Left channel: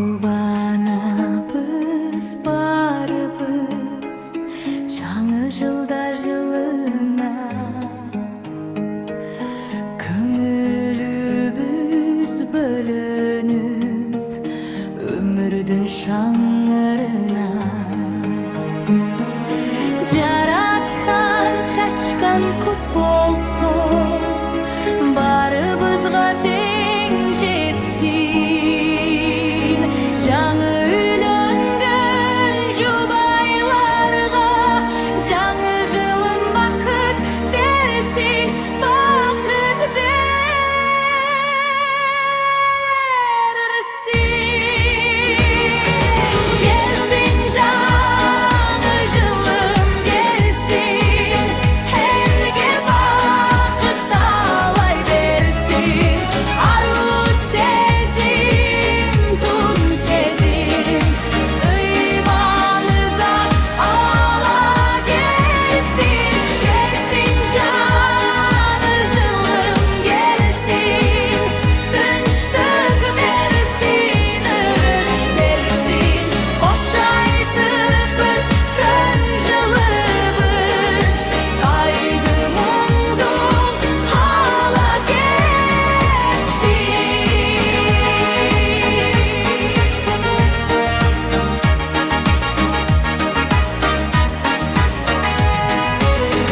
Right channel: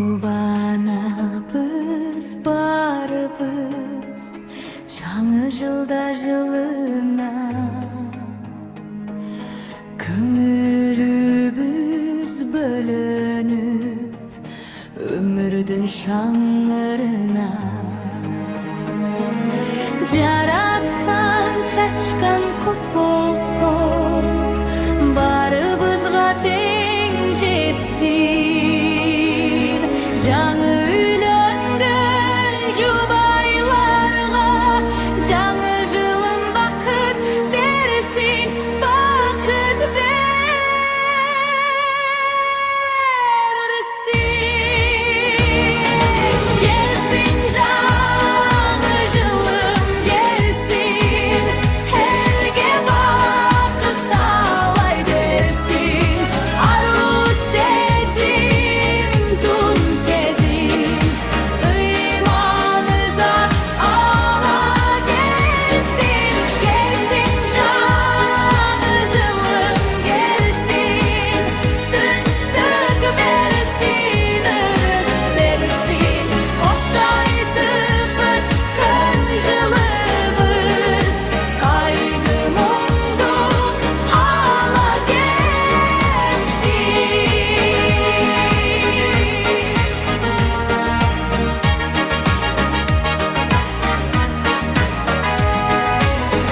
Кубанабыз барыбыз жаңы жылда жылына, көңілібіз бөлініп өмірдің шаңырына. Жараткан чачкан кут болсо, барыбызға тең жетсин. Жаңы үйлөнгөн жұбайларға жаңы жылым бақыт берсин, бақыт берсин. Келсин жаңы жылым, келсин, элге бақыт талай берсин. Ару сезим, тун сезим, ыйманызат ала келсин. Келсин жаңы жылым, келсин, тынчтык берсин, ырыс берсин. Кош айтып өткөн жылыбыз кайгы мұңды ала кетсин.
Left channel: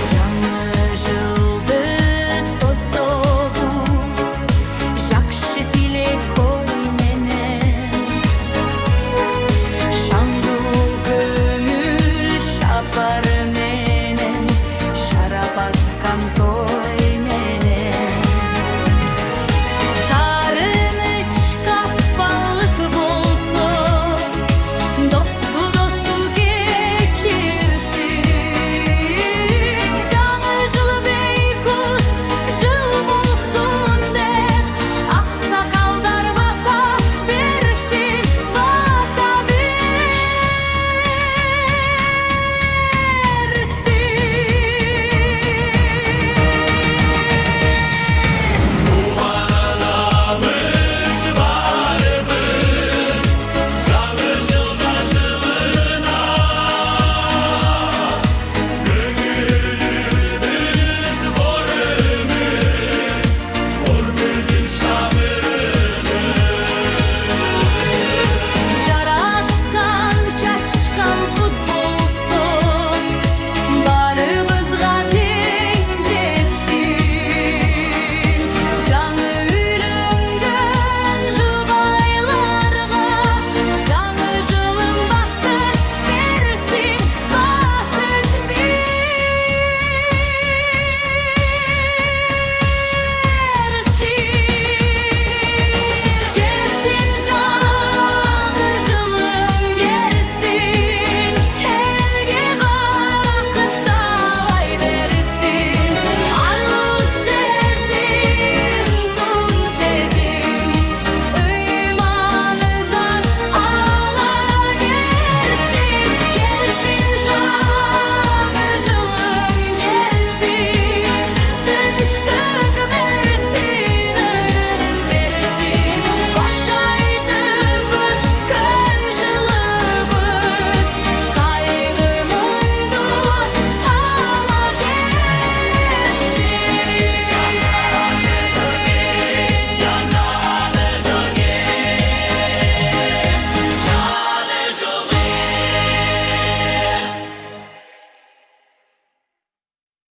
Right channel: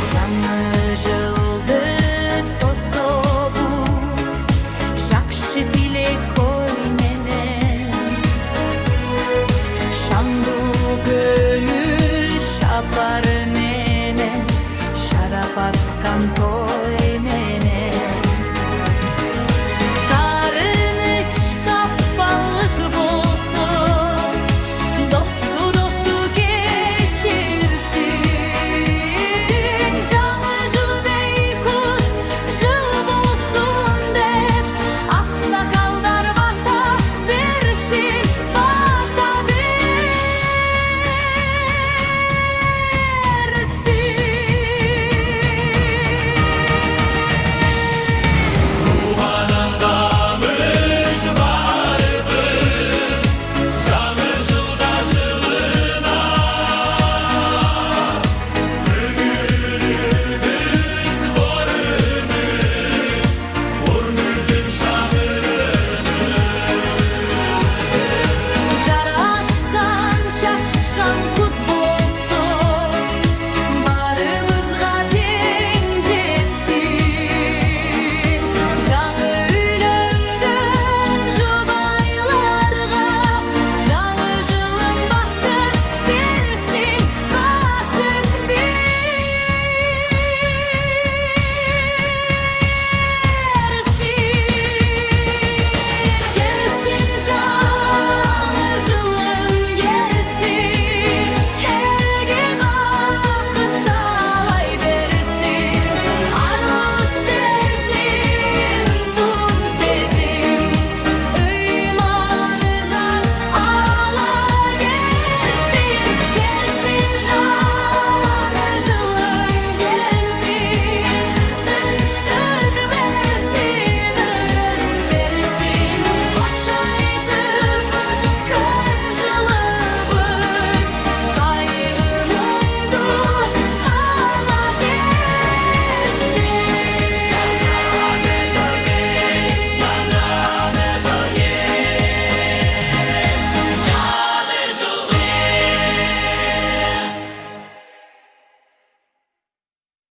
Жаңы жылды тособуз жакшы тилек ой менен. Шаңдуу көңүл шапары менен шарап аткан той